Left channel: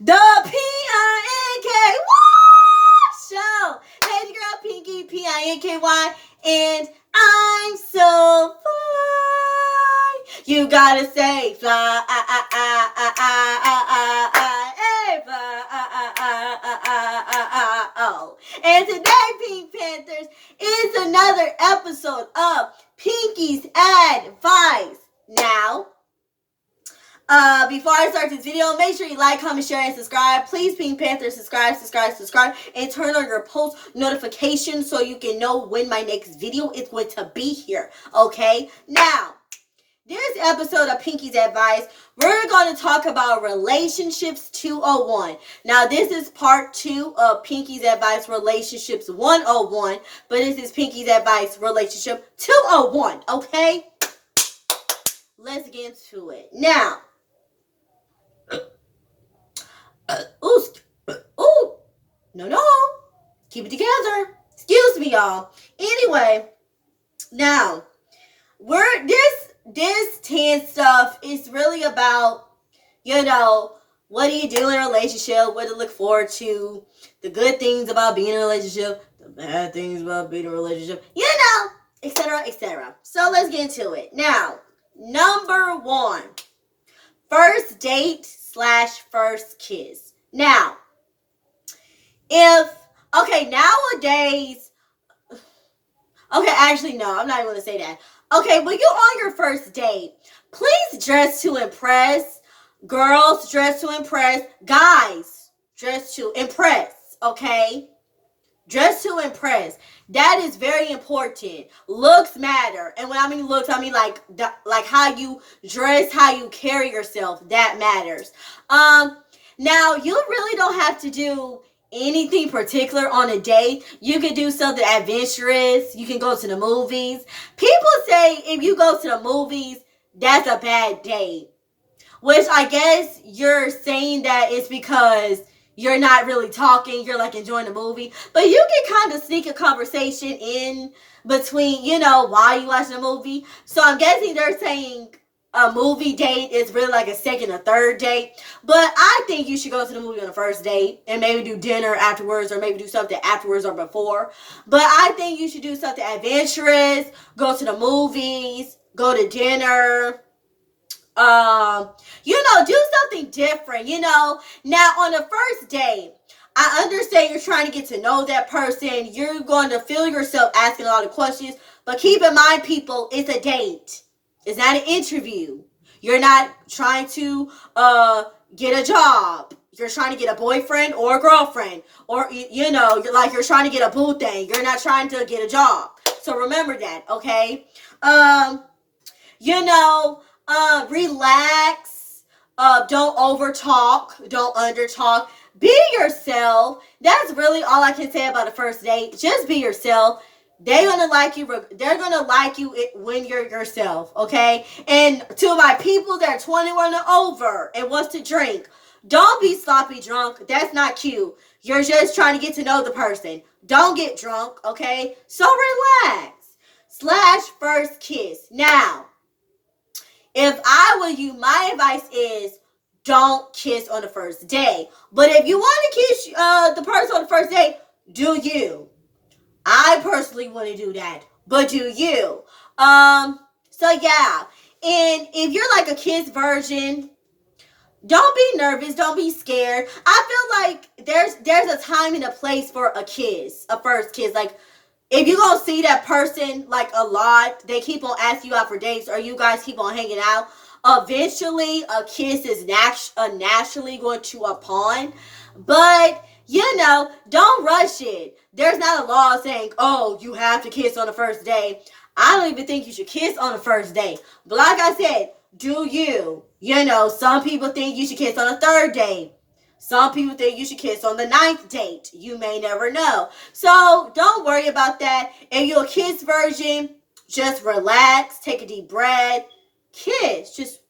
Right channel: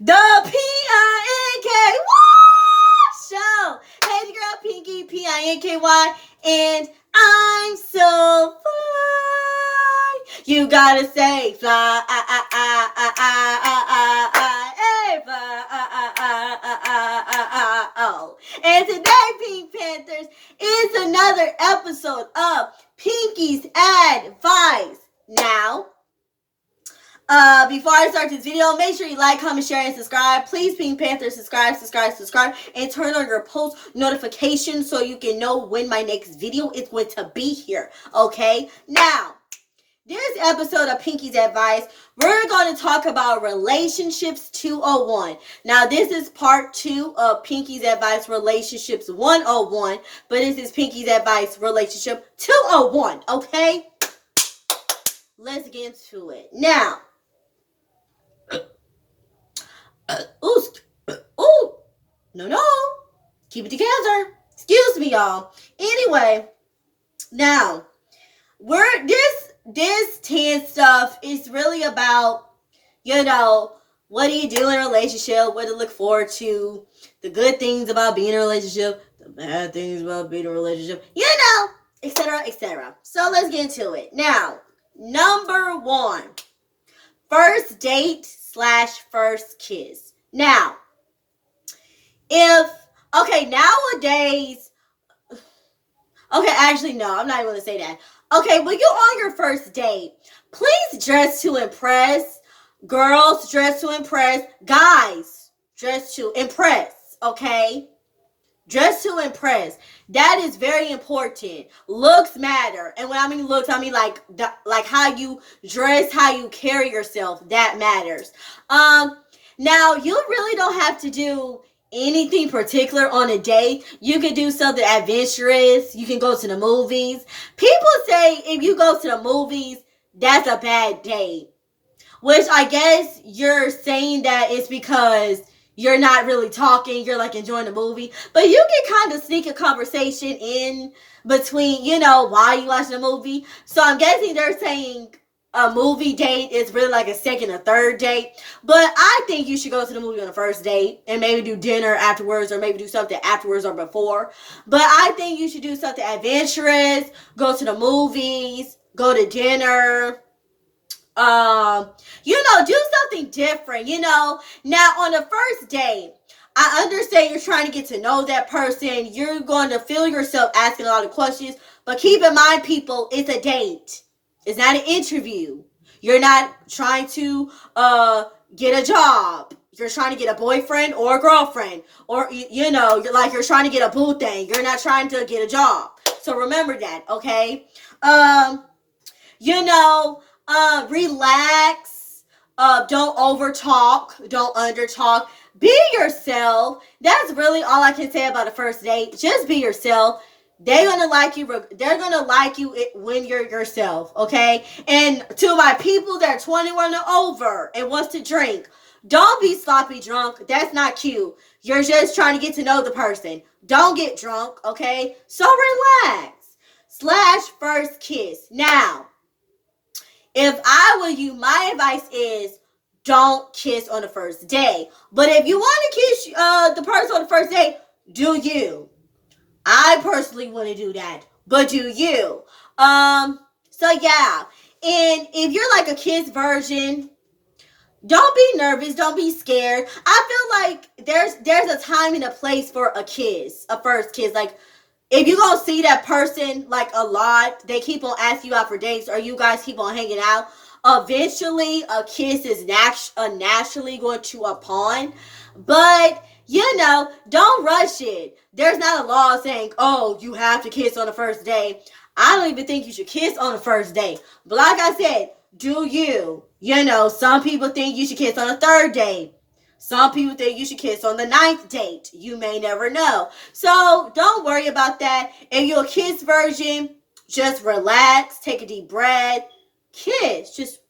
The P-I-N-K show. Hey, it's your girl Pinky, P-I-N-K-Y, and I'm so fly. You gotta say fly, hey, fly, oh. And today, Pink Panthers, is another episode of Pinky's Advice. Now, before I start this video, make sure you like, comment, share, and subscribe. Please, Pink Panther, subscribe, and turn on your post notifications so you can know when my next video is going to be here. Okay? Now, this episode of Pinky's Advice, we're going to talk about Relationships 201. Now, this is part 2 of Pinky's Advice Relationships 101, but this is Pinky's Advice Relationship 201. Okay? Let's get into it. Now, no. Keep it together. Excuse me, y'all. Anyway, now, this 10 stuff is really about, what do you do in a relationship, what to look forward to, the good things about being in a relationship, the bad things about being in a relationship, etc., etc. So let's get into it. Now, number 1, first date / first kiss. Now, nowadays, actually, no, I'm not even going to say that. Okay, when you're on your first date, please dress to impress. Girls, dress to impress. Guys, dress to impress, okay? Dress to impress. That is very important. Looks matter. And when I mean looks, I mean like how you dress, how you carry yourself. That matters. Now, you really don't have to do anything particular on a date. You can do something adventurous. You can go to the movies. People say if you go to the movies, that's a bad date. Which I guess you're saying that it's because you're not really talking, you're like enjoying the movie. But you can kind of sneak a conversation in between, while you watch the movie. So I'm guessing they're saying a movie date is really like a second or third date. But I think you should go to the movie on the first date and maybe do dinner afterwards, or maybe do something afterwards or before. But I think you should do something adventurous, go to the movies, go to dinner. Do something different, Now, on the first date, I understand you're trying to get to know that person. You're going to feel yourself asking a lot of questions. But keep in mind, people, it's a date. It's not an interview. You're not trying to get a job. You're trying to get a boyfriend or a girlfriend. Or, you're trying to get a boo thing. You're not trying to get a job. So remember that, okay? Relax. Don't overtalk. Don't undertalk. Be yourself. That's really all I can say about a first date. Just be yourself. They're gonna like you. They're gonna like you when you're yourself. Okay. And to my people that are 21 or over and wants to drink, don't be sloppy drunk. That's not cute. You're just trying to get to know the person. Don't get drunk. Okay. So relax. / first kiss. Now, if I were you, my advice is don't kiss on the first day. But if you want to kiss the person on the first day, do you. I personally wouldn't do that, but do you. So yeah. And if you're like a kiss virgin, don't be nervous. Don't be scared. I feel like there's a time and a place for a kiss, a first kiss. Like, if you gonna see that person like a lot, they keep on asking you out for dates, or you guys keep on hanging out, eventually a kiss is naturally going to upon. But, don't rush it. There's not a law saying, oh, you have to kiss on the first day. I don't even think you should kiss on the first day. But like I said, do you. Some people think you should kiss on the third date. Some people think you should kiss on the 9th date. You may never know. So don't worry about that. If you're a kiss virgin, just relax. Take a deep breath. Kiss. Just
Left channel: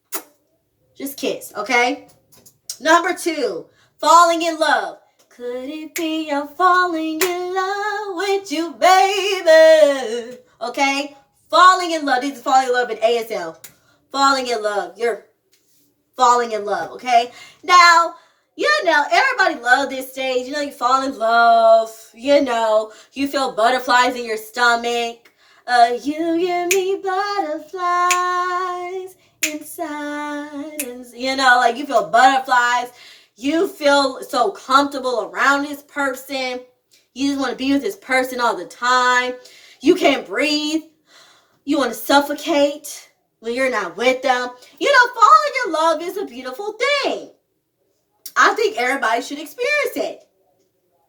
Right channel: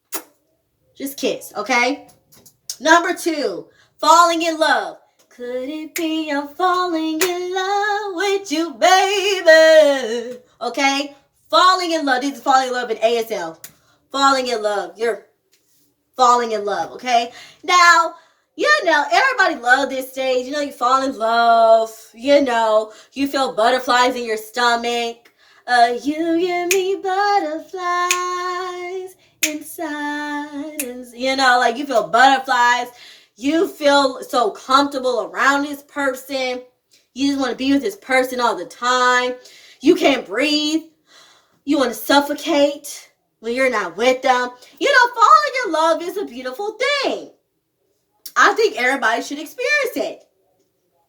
kiss, okay? Number 2, falling in love. Could it be I'm falling in love with you, baby? Okay? Falling in love. This is falling in love in ASL. Falling in love. You're falling in love, okay? Now, everybody love this stage. You know, you fall in love. You know, you feel butterflies in your stomach. You give me butterflies inside. And, you know, like you feel butterflies. You feel so comfortable around this person. You just want to be with this person all the time. You can't breathe. You want to suffocate when you're not with them. You know, falling in love is a beautiful thing. I think everybody should experience it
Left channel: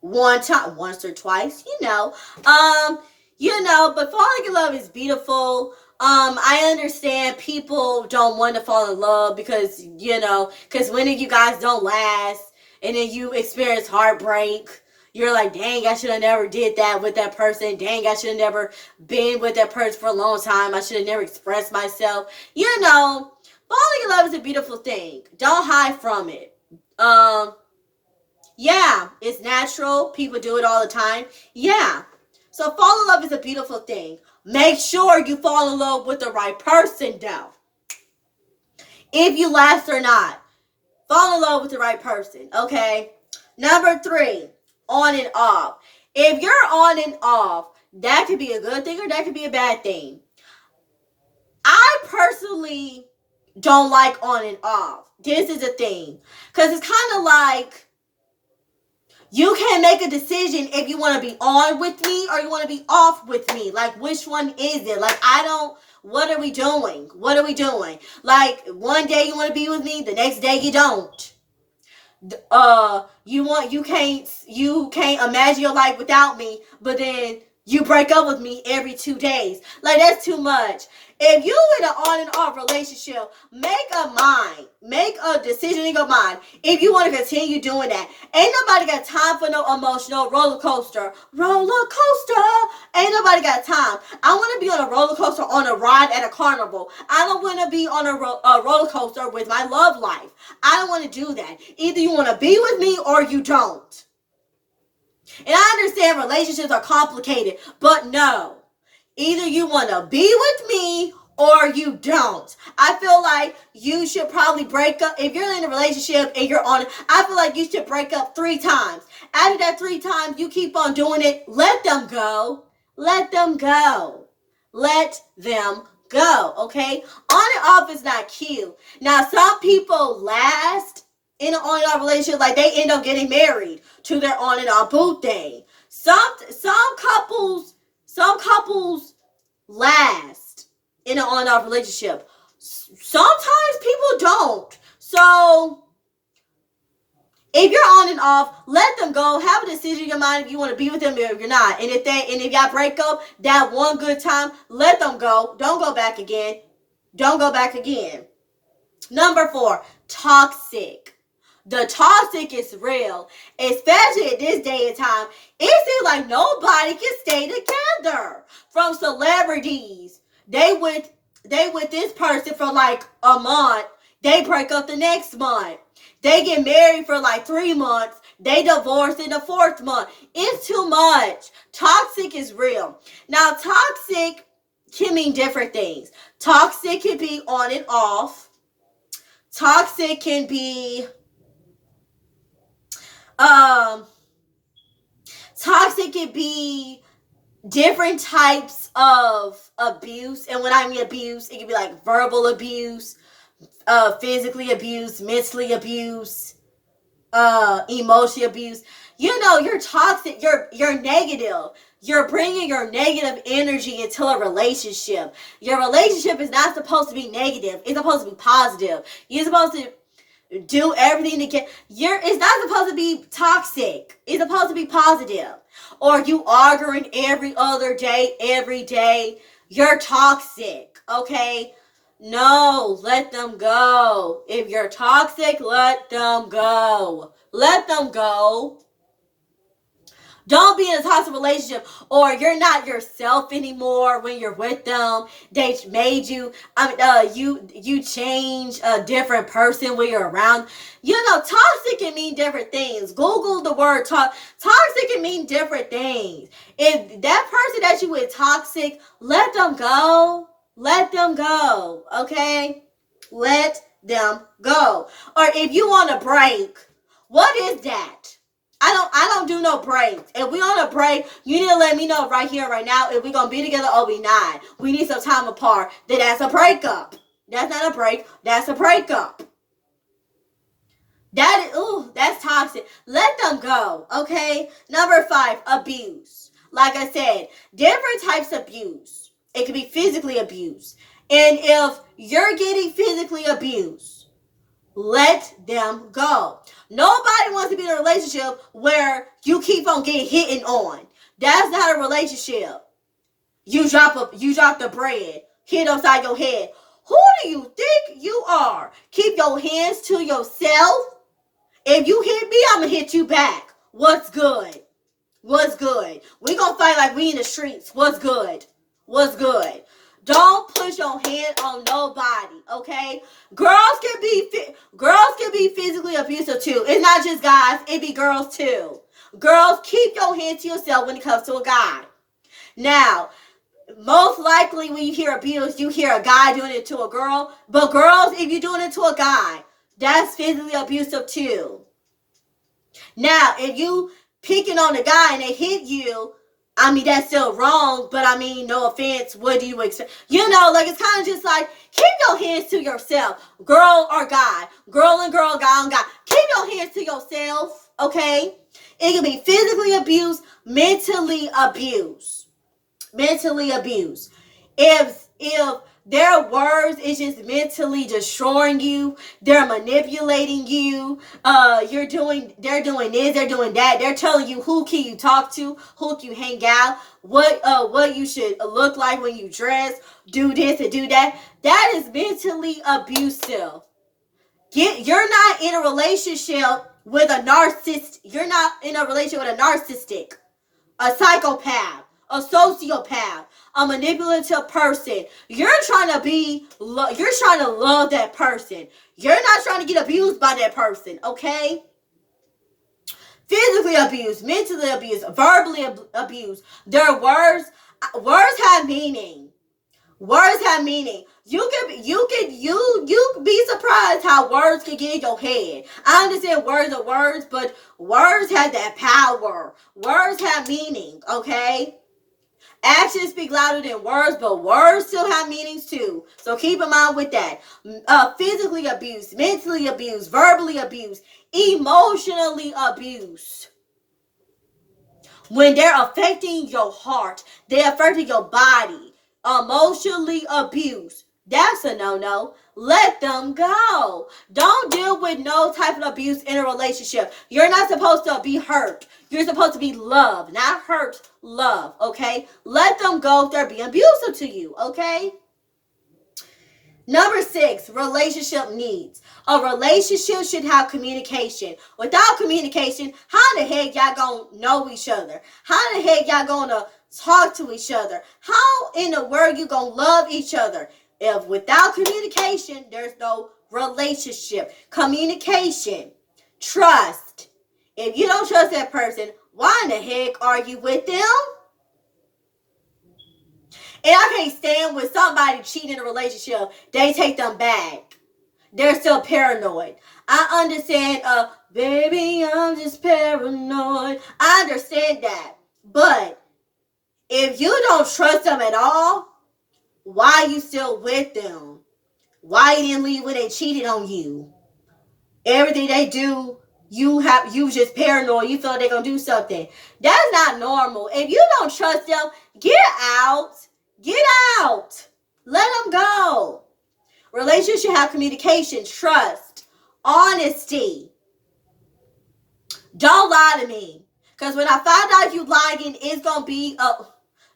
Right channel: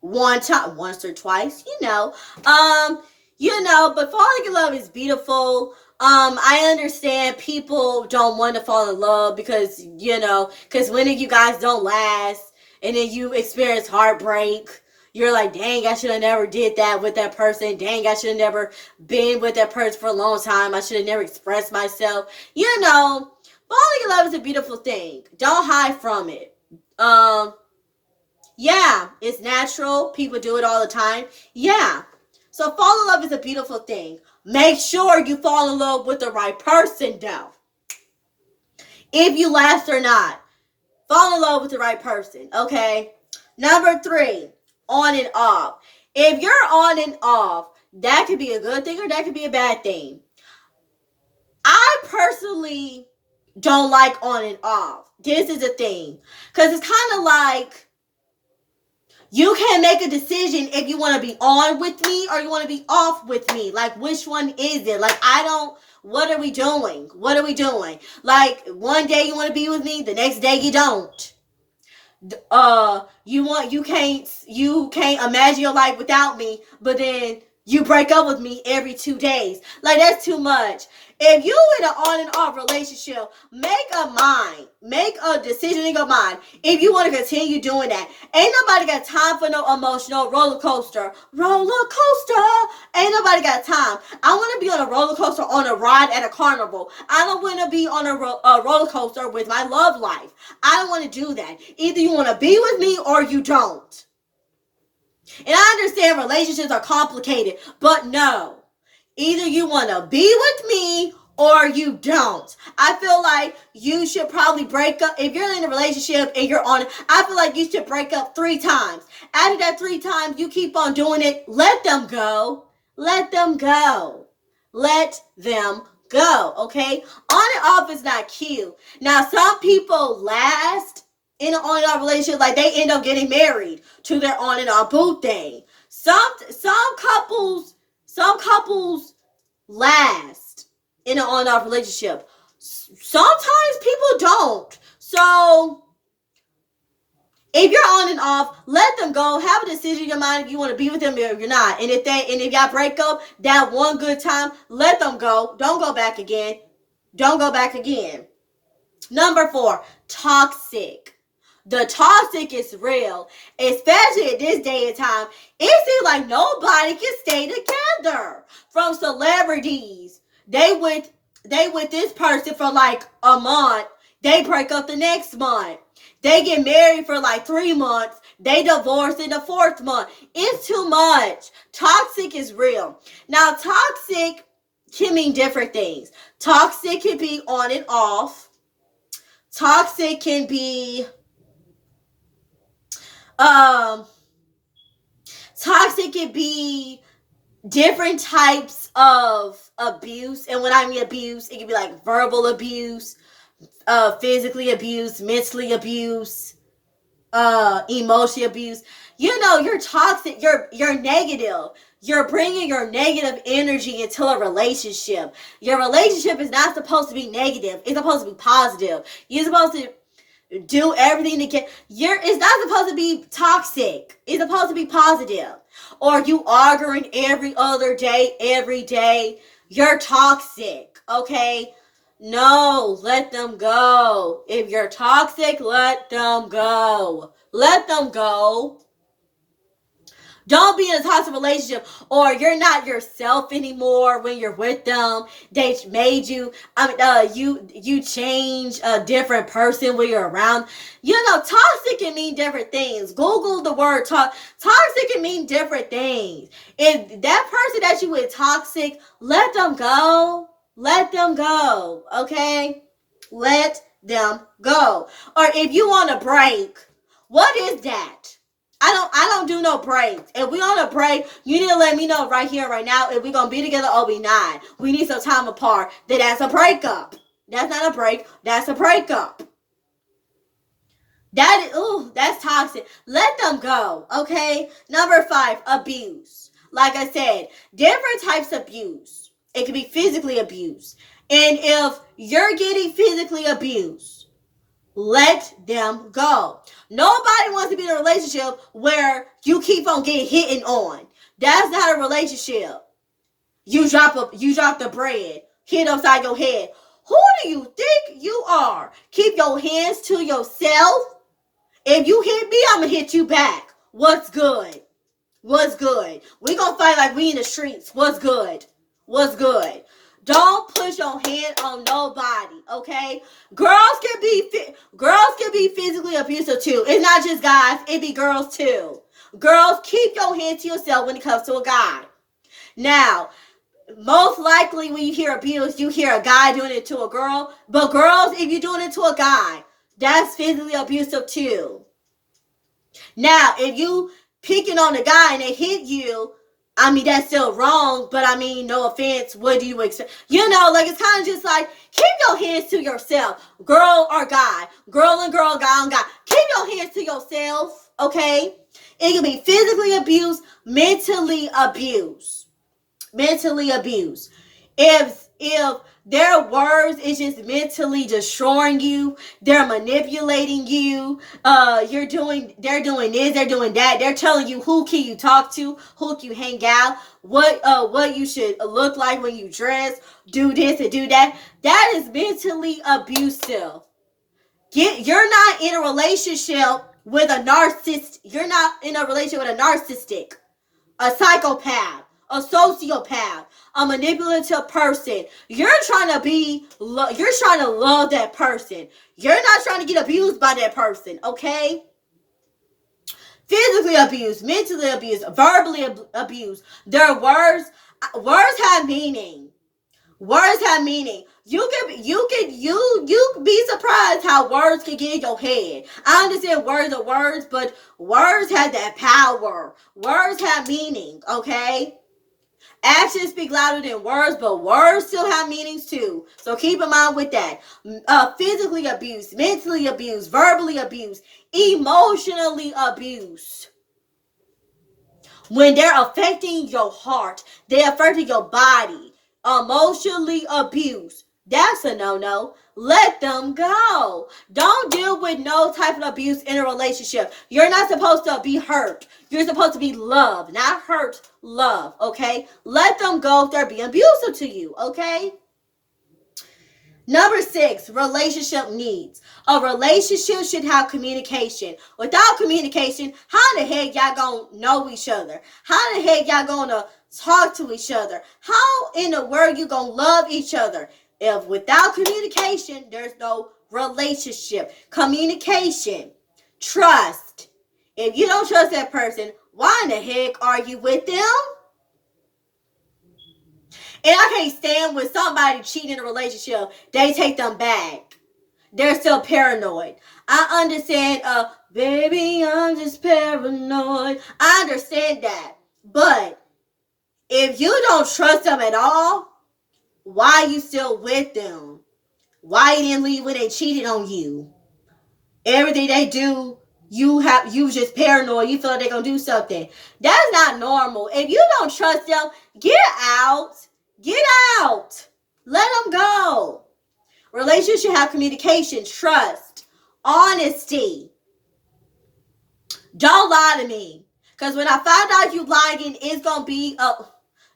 one time, once or twice, but falling in love is beautiful. I understand people don't want to fall in love because when you guys don't last, and then you experience heartbreak. You're like, dang, I should have never did that with that person. Dang, I should have never been with that person for a long time. I should have never expressed myself. Falling in love is a beautiful thing. Don't hide from it. Yeah, it's natural. People do it all the time. Yeah. So fall in love is a beautiful thing. Make sure you fall in love with the right person, though. If you last or not, fall in love with the right person, okay? Number 3, on and off. If you're on and off, that could be a good thing or that could be a bad thing. I personally don't like on and off. This is a thing. Because it's kind of like, you can't make a decision if you want to be on with me or you want to be off with me. Like, which one is it? Like, what are we doing? What are we doing? Like, one day you want to be with me, the next day you don't. You can't imagine your life without me, but then you break up with me every 2 days. Like, that's too much. If you in an on and off relationship, make a decision in your mind. If you want to continue doing that, ain't nobody got time for no emotional roller coaster. Ain't nobody got time. I want to be on a roller coaster, on a ride at a carnival. I don't want to be on a roller coaster with my love life. I don't want to do that. Either you want to be with me or you don't. And I understand relationships are complicated, but no. Either you want to be with me or you don't. I feel like you should probably break up. If you're in a relationship and you're on it, I feel like you should break up 3 times. After that 3 times, you keep on doing it. Let them go. Let them go. Let them go, okay? On and off is not cute. Now, some people last in an on and off relationship, like they end up getting married to their on and off boo thing. Some couples last in an on and off relationship. Sometimes people don't. So if you're on and off, let them go. Have a decision in your mind if you want to be with them or if you're not. And if y'all break up that one good time, let them go. Don't go back again. Don't go back again. Number 4, toxic. The toxic is real, especially at this day and time. It seems like nobody can stay together. From celebrities, they with this person for like a month, they break up the next month. They get married for like 3 months, they divorce in the 4th month. It's too much. Toxic is real. Now, toxic can mean different things. Toxic can be on and off. Toxic can be toxic can be different types of abuse. And when I mean abuse, it can be like verbal abuse, physically abuse, mentally abuse, emotional abuse. You're toxic, you're negative. You're bringing your negative energy into a relationship. Your relationship is not supposed to be negative. It's supposed to be positive. You're supposed to do everything to get it's not supposed to be toxic. It's supposed to be positive. Or you arguing every other day, every day. You're toxic, okay? No, let them go. If you're toxic, let them go. Let them go. Don't be in a toxic relationship, or you're not yourself anymore when you're with them. They made you. You change a different person when you're around. Toxic can mean different things. Google the word toxic can mean different things. If that person that you with toxic, let them go. Let them go. Okay, let them go. Or if you want a break, what is that? I don't do no breaks. If we on a break, you need to let me know right here, right now, if we gonna be together or we not. We need some time apart. Then that's a breakup. That's not a break. That's a breakup. That's toxic. Let them go, okay? Number 5, abuse. Like I said, different types of abuse. It can be physically abused. And if you're getting physically abused, let them go. Nobody wants to be in a relationship where you keep on getting hit on. That's not a relationship. You drop the bread, hit upside your head. Who do you think you are? Keep your hands to yourself. If you hit me, I'm going to hit you back. What's good? What's good? We going to fight like we in the streets. What's good? What's good? Don't put your hand on nobody, okay? Girls can be physically abusive too. It's not just guys. It be girls too. Girls, keep your hand to yourself when it comes to a guy. Now, most likely when you hear abuse, you hear a guy doing it to a girl. But girls, if you're doing it to a guy, that's physically abusive too. Now, if you picking on a guy and they hit you, I mean, that's still wrong, but I mean, no offense, what do you expect? You know, like, it's kind of just like, keep your hands to yourself, girl or guy, girl and girl, guy on guy. Keep your hands to yourself, okay? It can be physically abused, mentally abused. Mentally abused. If their words is just mentally destroying you, they're manipulating you, they're doing this, they're doing that, they're telling you who can you talk to, who can you hang out, what you should look like when you dress, do this and do that. That is mentally abusive. You're not in a relationship with a narcissist. You're not in a relationship with a narcissistic, a psychopath, a sociopath, a manipulative person. You're trying to love that person. You're not trying to get abused by that person, okay? Physically abused, mentally abused, verbally abused. Their words have meaning. Words have meaning. You be surprised how words can get in your head. I understand words are words, but words have that power. Words have meaning, okay? Actions speak louder than words, but words still have meanings too. So keep in mind with that. Physically abused, mentally abused, verbally abused, emotionally abused. When they're affecting your heart, they're affecting your body. Emotionally abused. That's a no-no. Let them go. Don't deal with no type of abuse in a relationship. You're not supposed to be hurt. You're supposed to be loved, not hurt, love, okay? Let them go if they're being abusive to you, okay? Number 6, relationship needs. A relationship should have communication. Without communication, how the heck y'all gonna know each other? How the heck y'all gonna talk to each other? How in the world you gonna love each other? If without communication, there's no relationship. Communication, trust. If you don't trust that person, why in the heck are you with them? And I can't stand when somebody cheating in a relationship, they take them back. They're still paranoid. I understand, baby, I'm just paranoid. I understand that. But if you don't trust them at all, why are you still with them? Why you didn't leave when they cheated on you? Everything they do, you just paranoid. You feel like they're going to do something. That's not normal. If you don't trust them, get out. Get out. Let them go. Relationships should have communication, trust, honesty. Don't lie to me. Because when I find out you lying, it's going to be,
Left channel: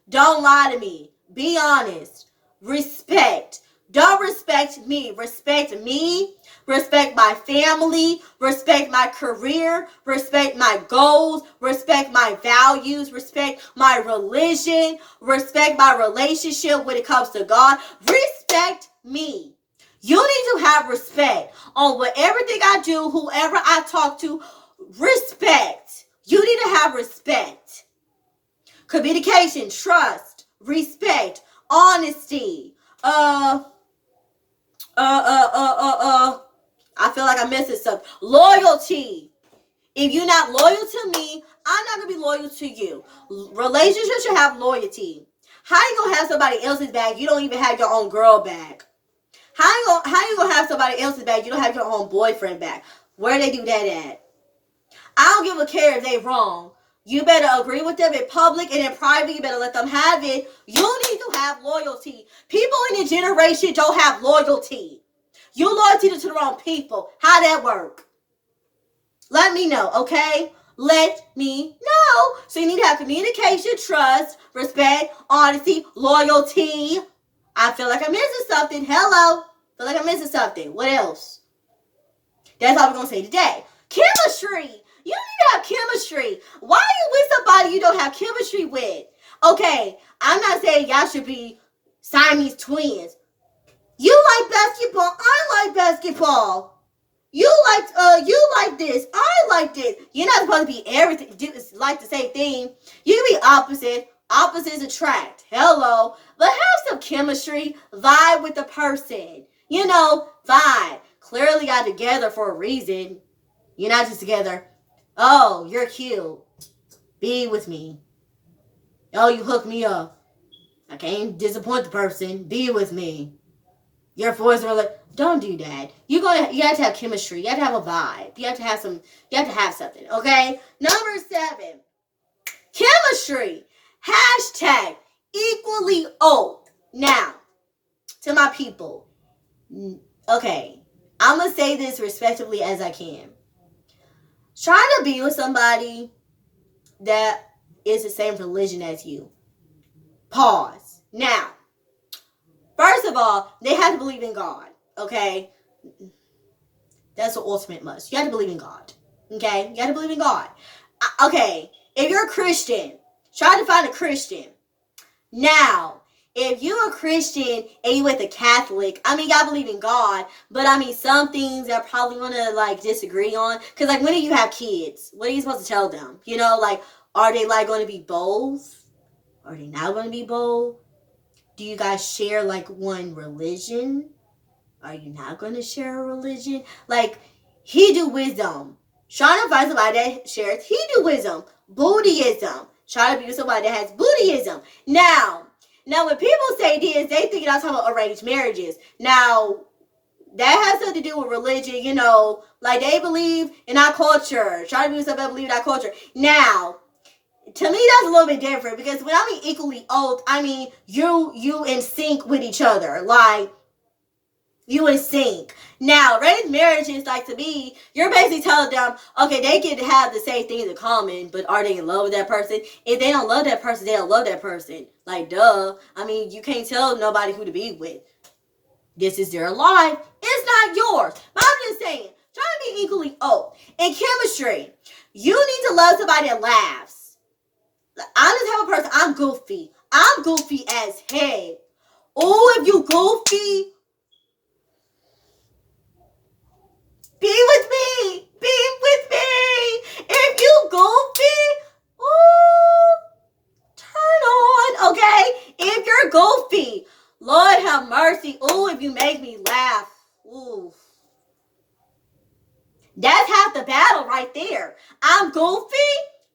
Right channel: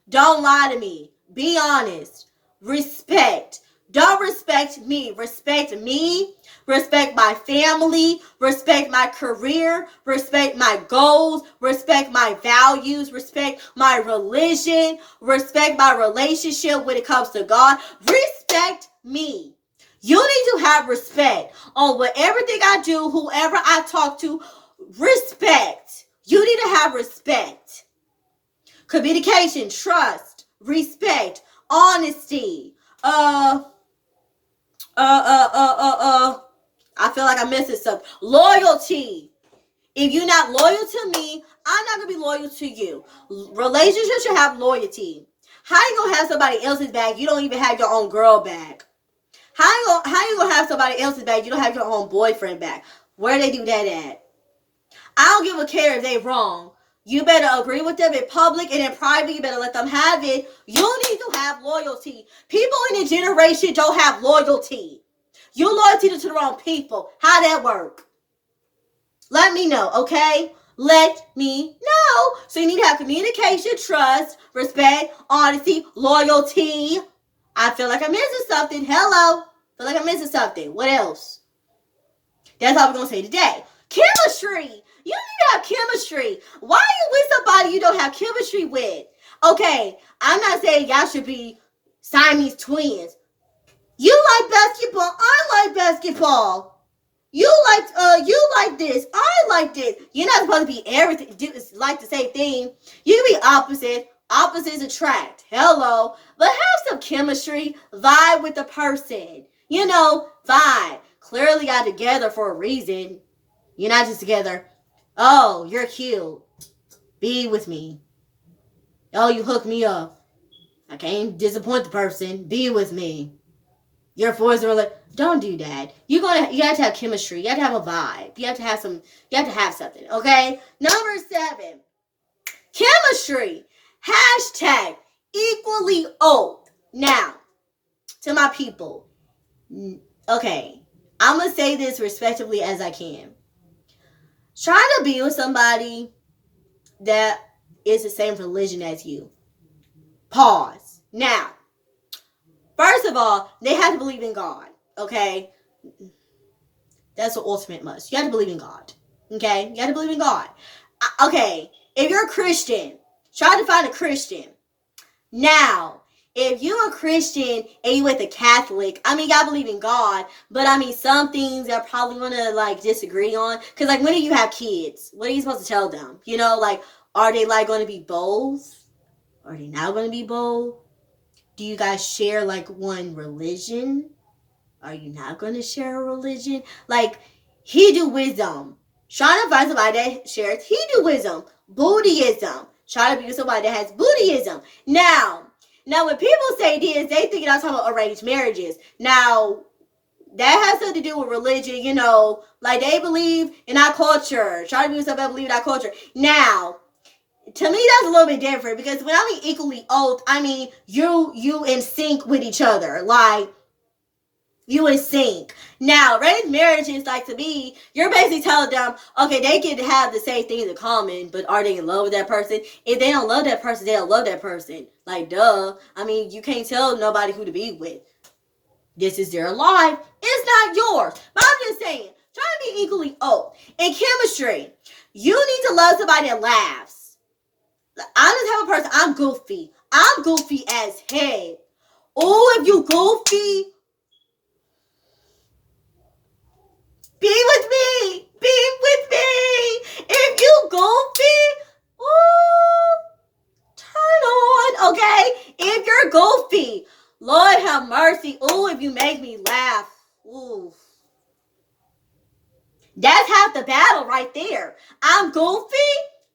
don't lie to me. Be honest. Respect. Don't respect me. Respect me. Respect my family. Respect my career. Respect my goals. Respect my values. Respect my religion. Respect my relationship when it comes to God. Respect me. You need to have respect on everything I do, whoever I talk to. Respect. You need to have respect. Communication, trust, respect, honesty. I feel like I'm missing something. Loyalty. If you're not loyal to me, I'm not going to be loyal to you. Relationships should have loyalty. How you going to have somebody else's bag? You don't even have your own girl bag. How you going to have somebody else's bag? You don't have your own boyfriend bag. Where they do that at? I don't give a care if they wrong. You better agree with them in public, and in private, you better let them have it. You need to have loyalty. People in your generation don't have loyalty. You loyalty to the wrong people. How that work? Let me know, okay? Let me know. So you need to have communication, trust, respect, honesty, loyalty. I feel like I'm missing something. Hello. I feel like I'm missing something. What else? That's all we're going to say today. Chemistry. You need to have chemistry. Why are you with somebody you don't have chemistry with? Okay, I'm not saying y'all should be Siamese twins. You like basketball. I like basketball. You like this. I like this. You're not supposed to be everything. Like the same thing. You can be opposite. Opposites attract. Hello. But have some chemistry. Vibe with the person. You know, vibe. Clearly y'all together for a reason. You're not just together. Oh, you're cute. Be with me. Oh, you hook me up. I can't disappoint the person. Be with me. Your boys are like, don't do that. You have to have chemistry. You have to have a vibe. You have to have something. Okay? Number 7. Chemistry. Hashtag equally old. Now, to my people. Okay. I'm going to say this respectfully as I can. Trying to be with somebody that is the same religion as you. Pause. Now, first of all, they have to believe in God, okay? That's the ultimate must. You have to believe in God, okay? You have to believe in God. Okay, if you're a Christian, try to find a Christian. Now, if you're a Christian and you with a Catholic, I mean, y'all believe in God, but I mean, some things y'all probably want to, like, disagree on. Because, like, when do you have kids? What are you supposed to tell them? You know, like, are they, like, going to be both? Are they not going to be both? Do you guys share, like, one religion? Are you not going to share a religion? Like, Hinduism. Trying to find somebody that shares Hinduism. Buddhism. Trying to be with somebody that has Buddhism. Now, when people say this, they think I'm talking about arranged marriages. Now, that has something to do with religion, you know. Like, they believe in our culture. Trying to be with somebody that believes in our culture. Now, to me, that's a little bit different, because when I mean equally old, I mean you in sync with each other. Like, you in sync. Now, arranged marriages, like, to me, you're basically telling them, okay, they can have the same things in common, but are they in love with that person? If they don't love that person, they don't love that person. Like, duh. I mean, you can't tell nobody who to be with. This is their life. It's not yours. But I'm just saying, try to be equally old. In chemistry, you need to love somebody that laughs. I'm the type of person, I'm goofy. I'm goofy as heck. Oh, if you goofy, be with me. Be with me. If you goofy, ooh, turn on, okay? If you're goofy, Lord have mercy. Ooh, if you make me laugh. Ooh. That's half the battle right there. I'm goofy.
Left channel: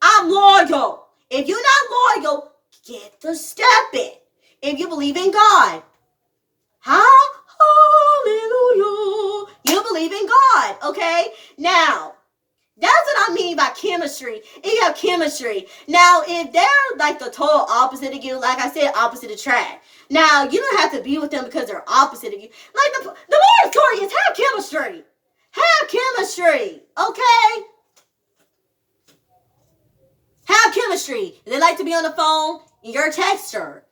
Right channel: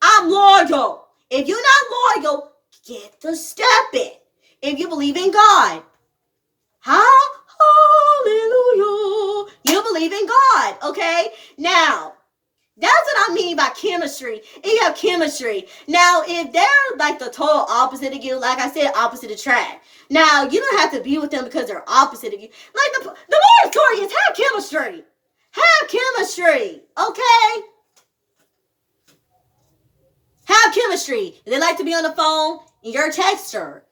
I'm loyal. If you're not loyal, get the step in. If you believe in God. Hallelujah. You believe in God, okay? Now, that's what I mean by chemistry. If you have chemistry. Now, if they're like the total opposite of you, like I said, opposite attract. Now, you don't have to be with them because they're opposite of you. Like the moral story is have chemistry. Have chemistry, okay? Have chemistry. If they like to be on the phone, you're a texter.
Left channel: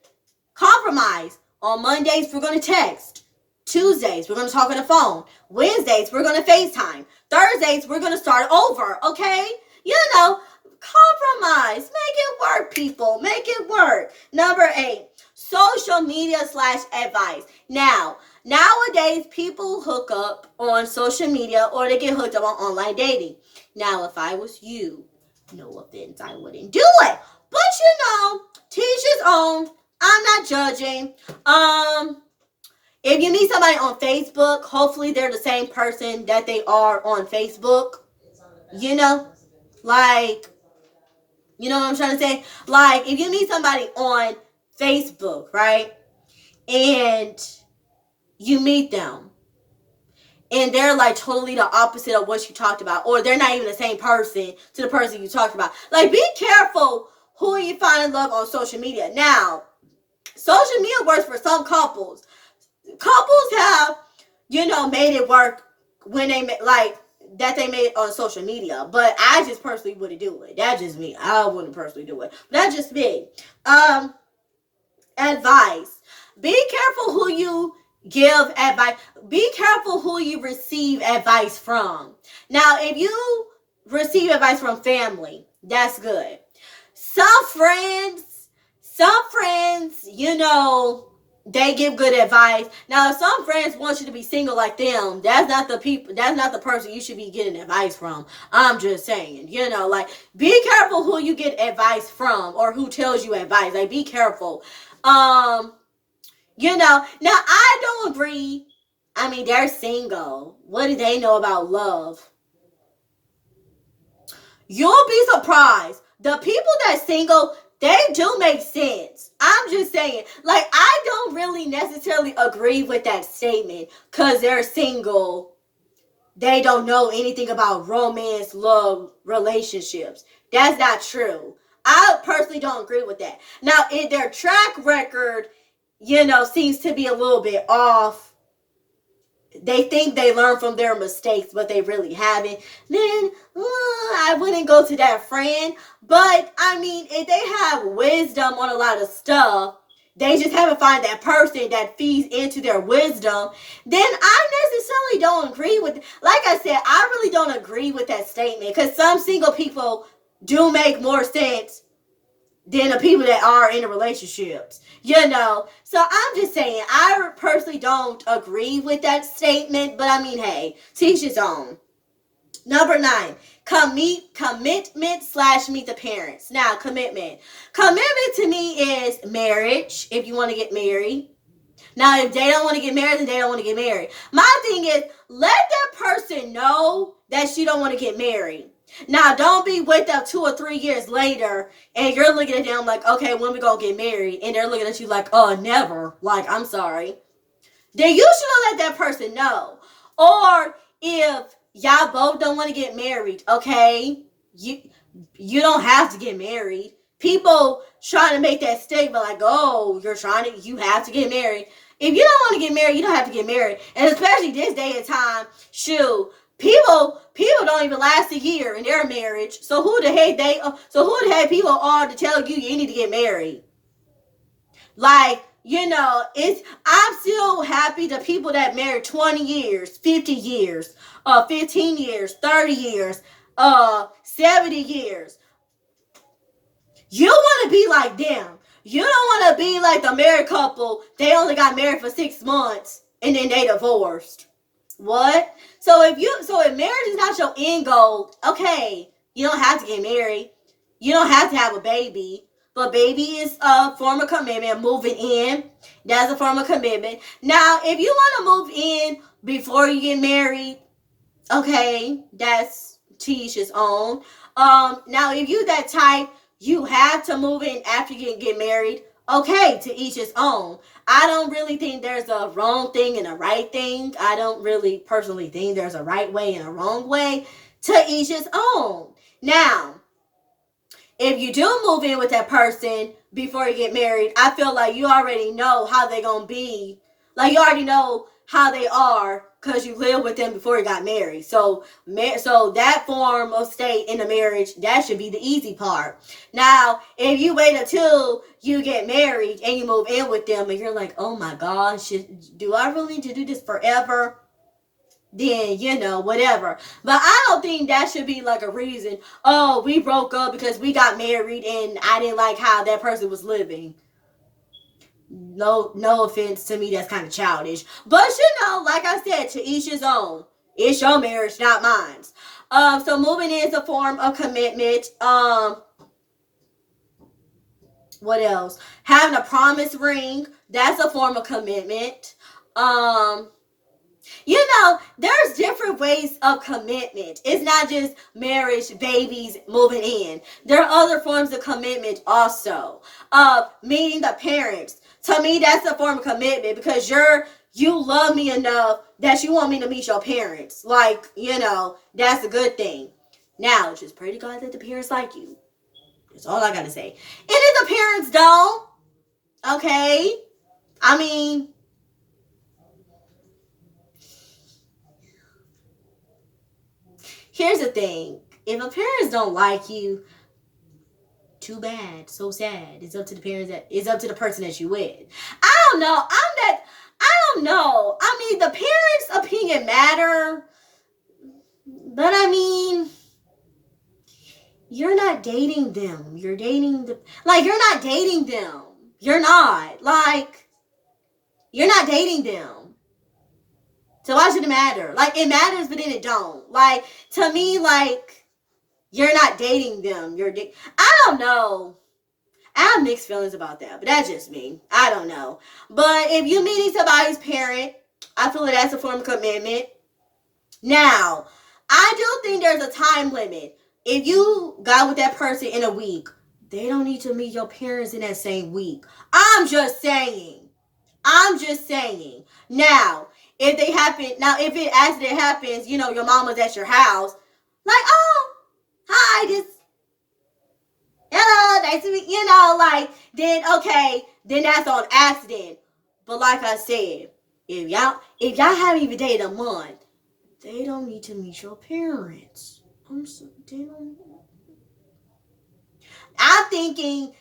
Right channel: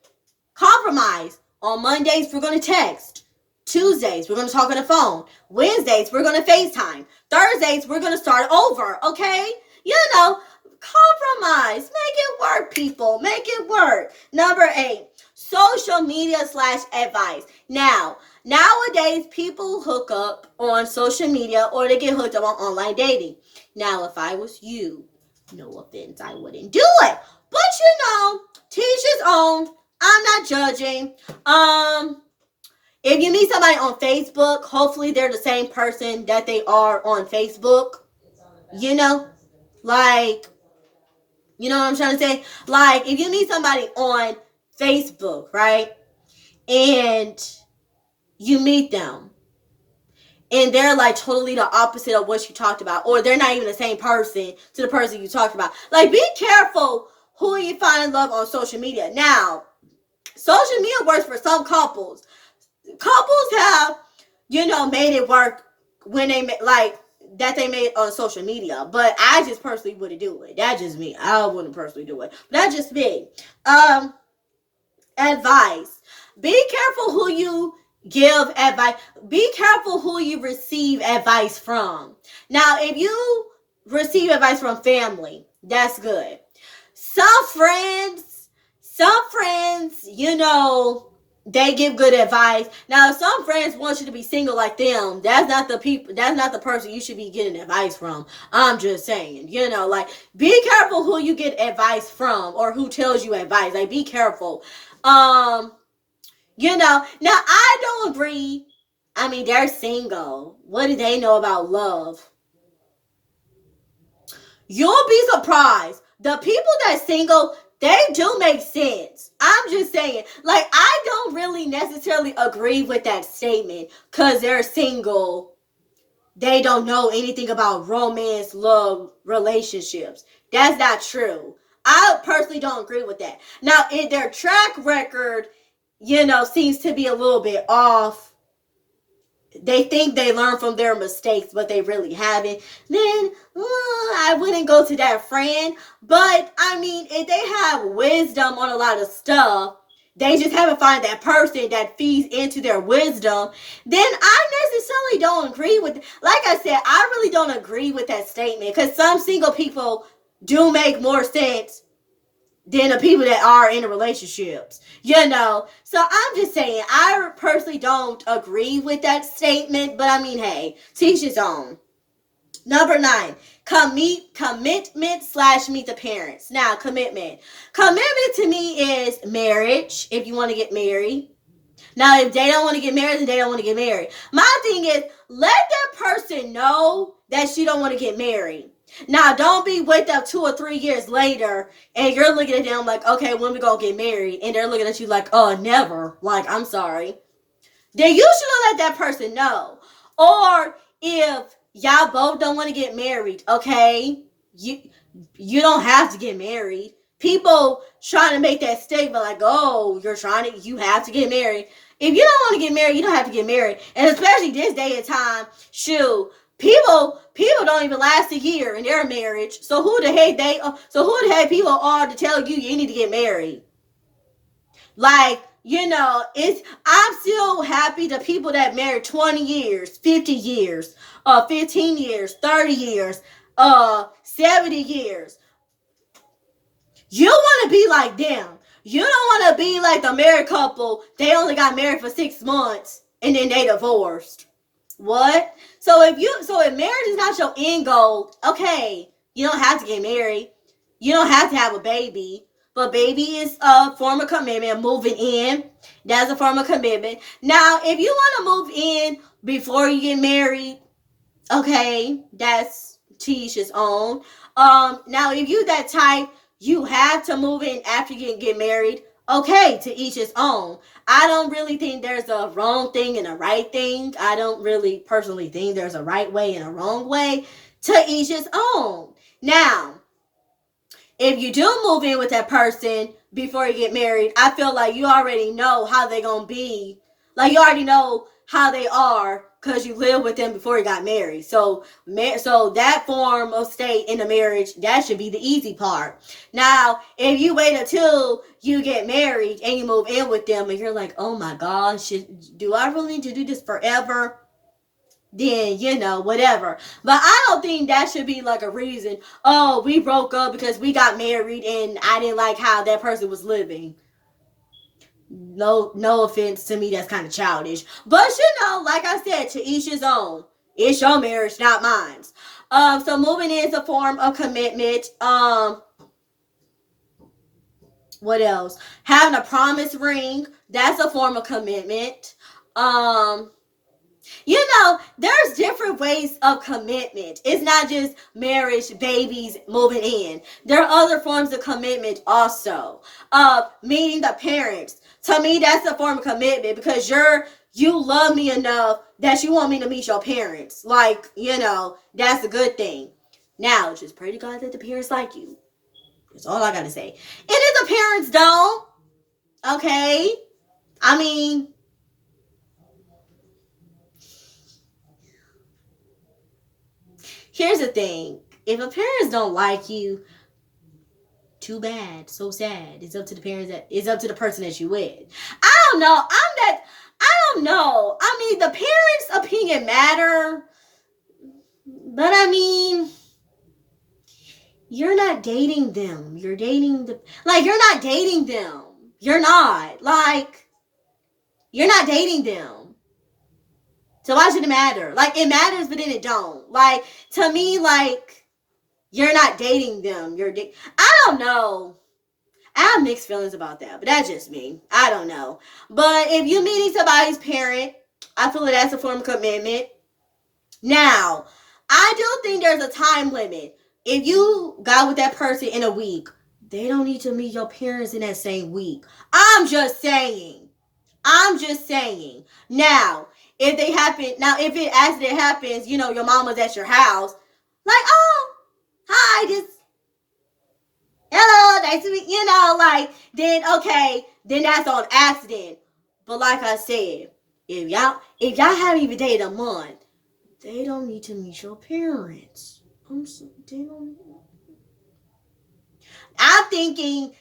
Compromise. On Mondays, we're going to text. Tuesdays, we're going to talk on the phone. Wednesdays, we're going to FaceTime. Thursdays, we're going to start over, okay? You know, compromise. Make it work, people. Make it work. Number 8, social media / advice. Now, nowadays, people hook up on social media or they get hooked up on online dating. Now, if I was you, no offense, I wouldn't do it. But you know, teach his own. I'm not judging. If you meet somebody on Facebook, hopefully they're the same person that they are on Facebook. You know? Like, you know what I'm trying to say? Like, if you meet somebody on Facebook, right? And you meet them and they're like totally the opposite of what you talked about, or they're not even the same person to the person you talked about. Like, be careful who you find in love on social media. Now, social media works for some couples. Couples have, made it work when they like that they made it on social media. But I just personally wouldn't do it. That's just me. I wouldn't personally do it. But that's just me. Um, Advice. Be careful who you give advice. Be careful who you receive advice from. Now, if you receive advice from family, that's good. Some friends, they give good advice. Now, if some friends want you to be single like them, that's not the person you should be getting advice from. I'm just saying, like, be careful who you get advice from or who tells you advice. Like, be careful. Um, now I don't agree. I mean, they're single. What do they know about love? You'll be surprised. The people that single, they do make sense. I'm just saying. Like, I don't really necessarily agree with that statement because they're single. They don't know anything about romance, love, relationships. That's not true. I personally don't agree with that. Now, if their track record, seems to be a little bit off, they think they learn from their mistakes, but they really haven't, then I wouldn't go to that friend. But I mean, if they have wisdom on a lot of stuff, they just haven't found that person that feeds into their wisdom, then I necessarily don't agree with, like I said, I really don't agree with that statement because some single people do make more sense than the people that are in the relationships, So I'm just saying, I personally don't agree with that statement, but I mean, hey, teach his own. Number 9, commitment slash meet the parents. Now, commitment to me is marriage. If you want to get married. Now, if they don't want to get married, then they don't want to get married. My thing is, let that person know that you don't want to get married. Now, don't be with them 2 or 3 years later, and you're looking at them like, okay, when we gonna get married? And they're looking at you like, oh, never. Like, I'm sorry. Then you should let that person know. Or if y'all both don't want to get married, okay, you don't have to get married. People trying to make that statement like, oh, you have to get married. If you don't want to get married, you don't have to get married. And especially this day and time, shoot, people don't even last a year in their marriage. So who the heck people are to tell you need to get married? Like, I'm still happy the people that married 20 years, 50 years, 15 years, 30 years, 70 years. You want to be like them. You don't want to be like the married couple. They only got married for 6 months and then they divorced. What? So if marriage is not your end goal, okay, you don't have to get married. You don't have to have a baby. But baby is a form of commitment. Moving in, that's a form of commitment. Now, if you want to move in before you get married, okay, that's to each his own. Now if you that type, you have to move in after you get married. Okay, to each his own. I don't really think there's a wrong thing and a right thing. I don't really personally think there's a right way and a wrong way. To each his own. Now, if you do move in with that person before you get married, I feel like you already know how they're going to be. Like, you already know how they are because you lived with them before you got married. So that form of state in the marriage, that should be the easy part. Now, if you wait until you get married and you move in with them and you're like, oh my gosh, do I really need to do this forever? Then whatever. But I don't think that should be like a reason. Oh, we broke up because we got married and I didn't like how that person was living. No offense to me, that's kind of childish. But like I said, to each his own. It's your marriage, not mine. So moving in is a form of commitment. What else? Having a promise ring, that's a form of commitment. There's different ways of commitment. It's not just marriage, babies, moving in. There are other forms of commitment also. Meeting the parents. To me, that's a form of commitment because you love me enough that you want me to meet your parents. That's a good thing. Now, just pray to God that the parents like you. That's all I gotta say. And if the parents don't, okay, I mean, here's the thing. If a parents don't like you, too bad. So sad. It's up to the parents. It's up to the person that you with. I don't know. I don't know. I mean, the parents' opinion matter. But I mean, you're not dating them. You're dating you're not dating them. You're not. You're not dating them. So why should it matter? It matters, but then it don't. To me, you're not dating them. I don't know. I have mixed feelings about that, but that's just me. I don't know. But if you're meeting somebody's parent, I feel like that's a form of commitment. Now, I do think there's a time limit. If you got with that person in a week, they don't need to meet your parents in that same week. I'm just saying. Now, if it accident happens, your mama's at your house, oh, hi, hello, nice to meet, then okay, then that's on accident. But like I said, if y'all haven't even dated a month, they don't need to meet your parents. I'm thinking,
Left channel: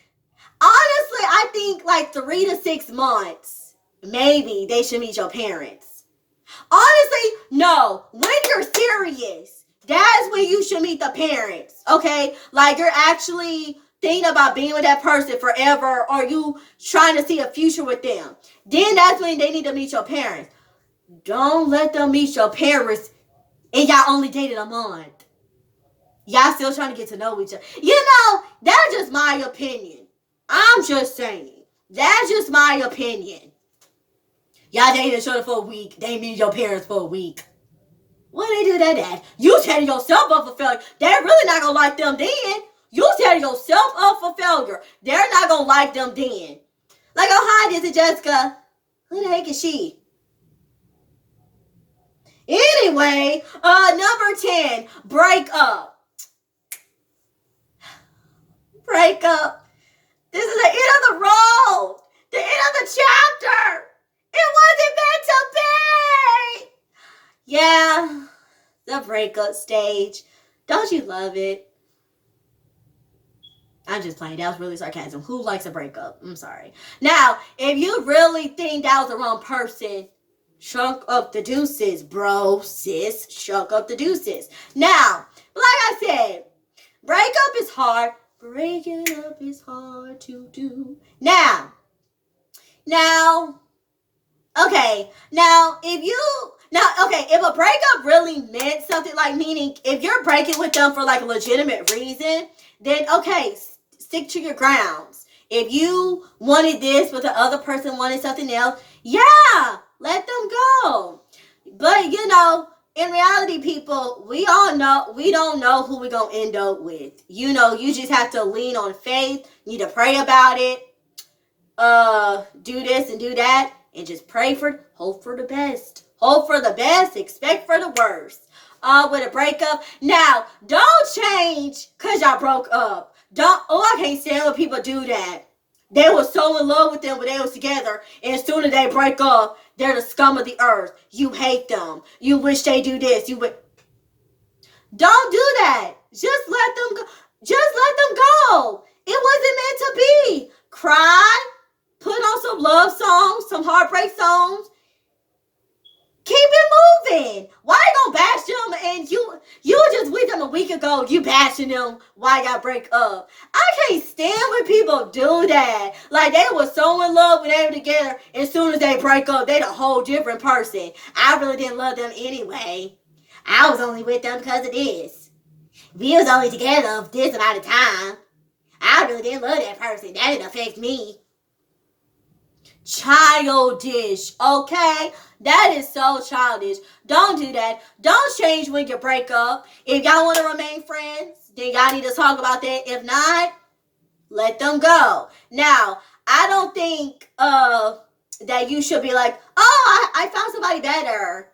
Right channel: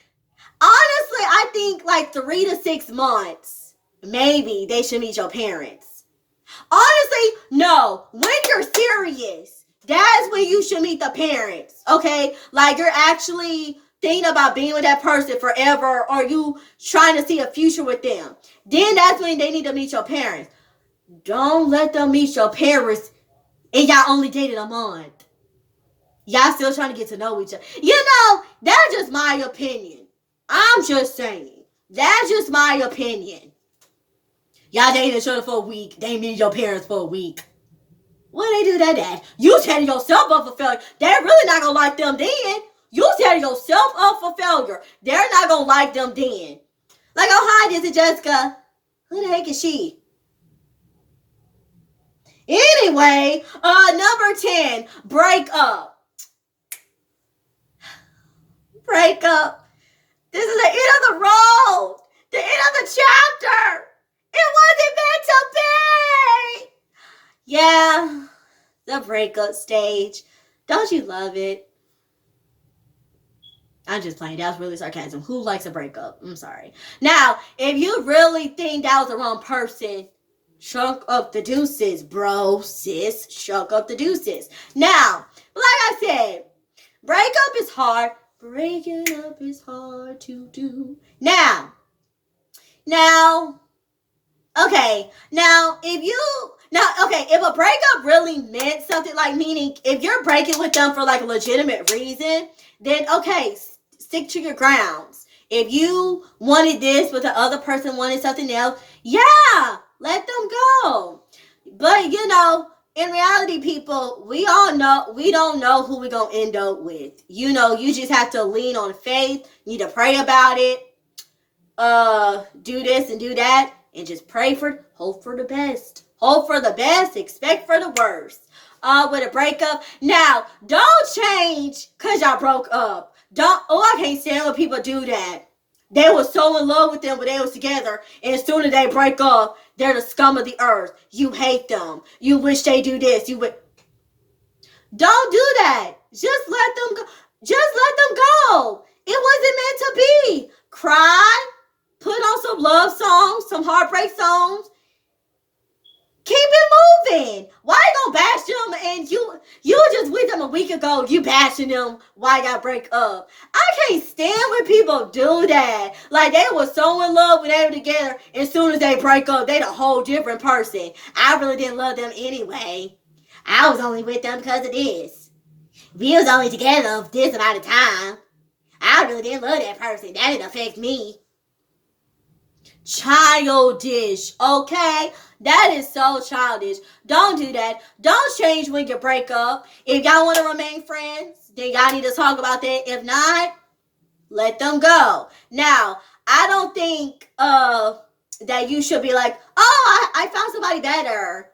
honestly, I think 3 to 6 months, maybe they should meet your parents. Honestly, no. When you're serious, that's when you should meet the parents, okay? You're actually thinking about being with that person forever, or you trying to see a future with them. Then that's when they need to meet your parents. Don't let them meet your parents and y'all only dated a month. Y'all still trying to get to know each other. That's just my opinion. I'm just saying. That's just my opinion. Y'all dated each other for a week. They meet your parents for a week. When they do that at? You setting yourself up for failure. They're really not going to like them then. You setting yourself up for failure. They're not going to like them then. Oh, hi, this is Jessica. Who the heck is she? Anyway, number 10, breakup. Breakup. This is the end of the road. The end of the chapter. It wasn't meant to be. Yeah, the breakup stage. Don't you love it? I'm just playing. That was really sarcasm. Who likes a breakup? I'm sorry. Now, if you really think that was the wrong person, chunk up the deuces, bro, sis. Chunk up the deuces. Now, like I said, breakup is hard. Breaking up is hard to do. Now, okay. If a breakup really meant something, meaning if you're breaking with them for a legitimate reason, then okay, stick to your grounds. If you wanted this, but the other person wanted something else, yeah, let them go. But in reality, people, we don't know who we're going to end up with. You just have to lean on faith. You need to pray about it. Do this and do that. And just hope for the best. Hope for the best, expect for the worst. With a breakup. Now, don't change because y'all broke up. I can't stand when people do that. They were so in love with them when they was together, and as soon as they break up, they're the scum of the earth. You hate them. You wish they do this. Don't do that. Just let them go. It wasn't meant to be. Cry. Put on some love songs, some heartbreak songs. Keep it moving. Why you gonna bash them and you just with them a week ago, you bashing them why y'all break up? I can't stand when people do that. They were so in love when they were together, and as soon as they break up, they the whole different person. I really didn't love them anyway. I was only with them because of this. We was only together this amount of time. I really didn't love that person. That didn't affect me. Childish, okay? That is so childish. Don't do that. Don't change when you break up. If y'all want to remain friends, then y'all need to talk about that. If not, let them go. Now, I don't think that you should be like, oh, I found somebody better.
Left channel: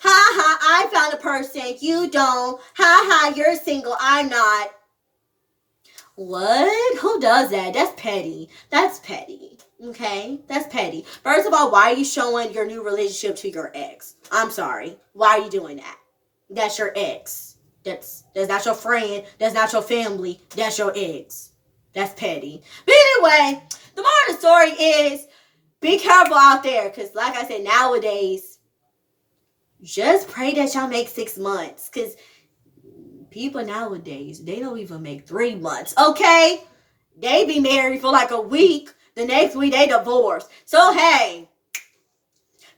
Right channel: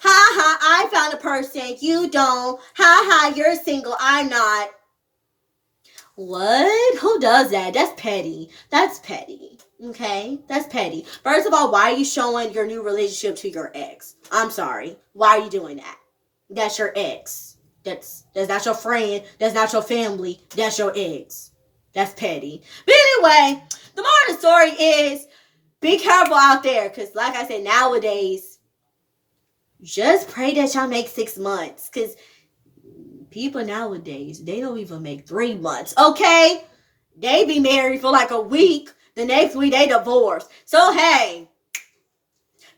Ha ha, I found a person. You don't. Ha ha, you're single. I'm not. What? Who does that? That's petty. That's petty. Okay? That's petty. First of all, why are you showing your new relationship to your ex? I'm sorry. Why are you doing that? That's your ex. That's not your friend. That's not your family. That's your ex. That's petty. But anyway, the moral of the story is be careful out there. Because like I said, nowadays, just pray that y'all make 6 months. Because people nowadays, they don't even make 3 months. Okay? They be married for like a week. The next week, they divorce. So, hey,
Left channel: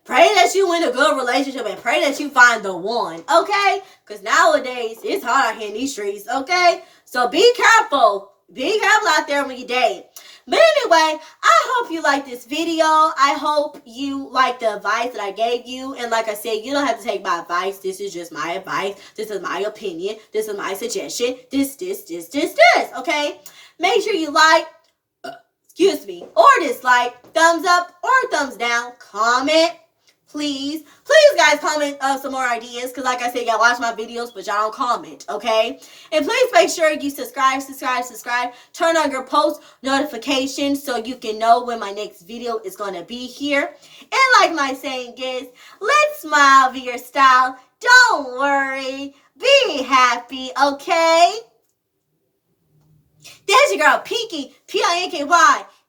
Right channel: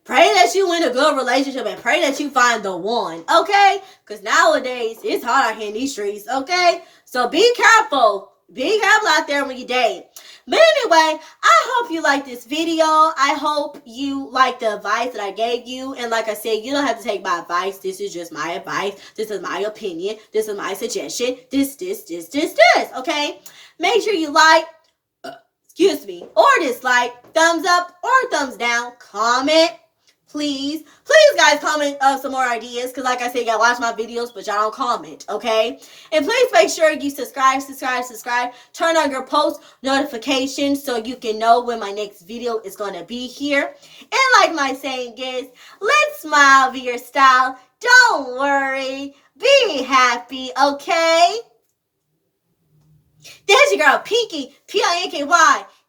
pray that you in a good relationship and pray that you find the one, okay? Because nowadays, it's hard out here in these streets, okay? So be careful. Be careful out there when you date. But anyway, I hope you like this video. I hope you like the advice that I gave you. And like I said, you don't have to take my advice. This is just my advice. This is my opinion. This is my suggestion. This, okay? Make sure you like, or dislike, thumbs up or thumbs down, comment. Please, guys, comment some more ideas. Because like I said, y'all watch my videos, but y'all don't comment, okay? And please make sure you subscribe. Turn on your post notifications so you can know when my next video is going to be here. And like my saying is, let's smile, be your style. Don't worry. Be happy, okay? There's your girl, Pinky, Pinky,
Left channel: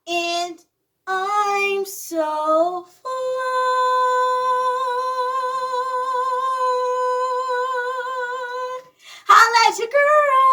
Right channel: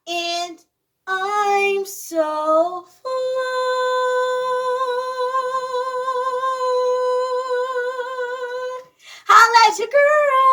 and I'm so fun. Holla at your girl.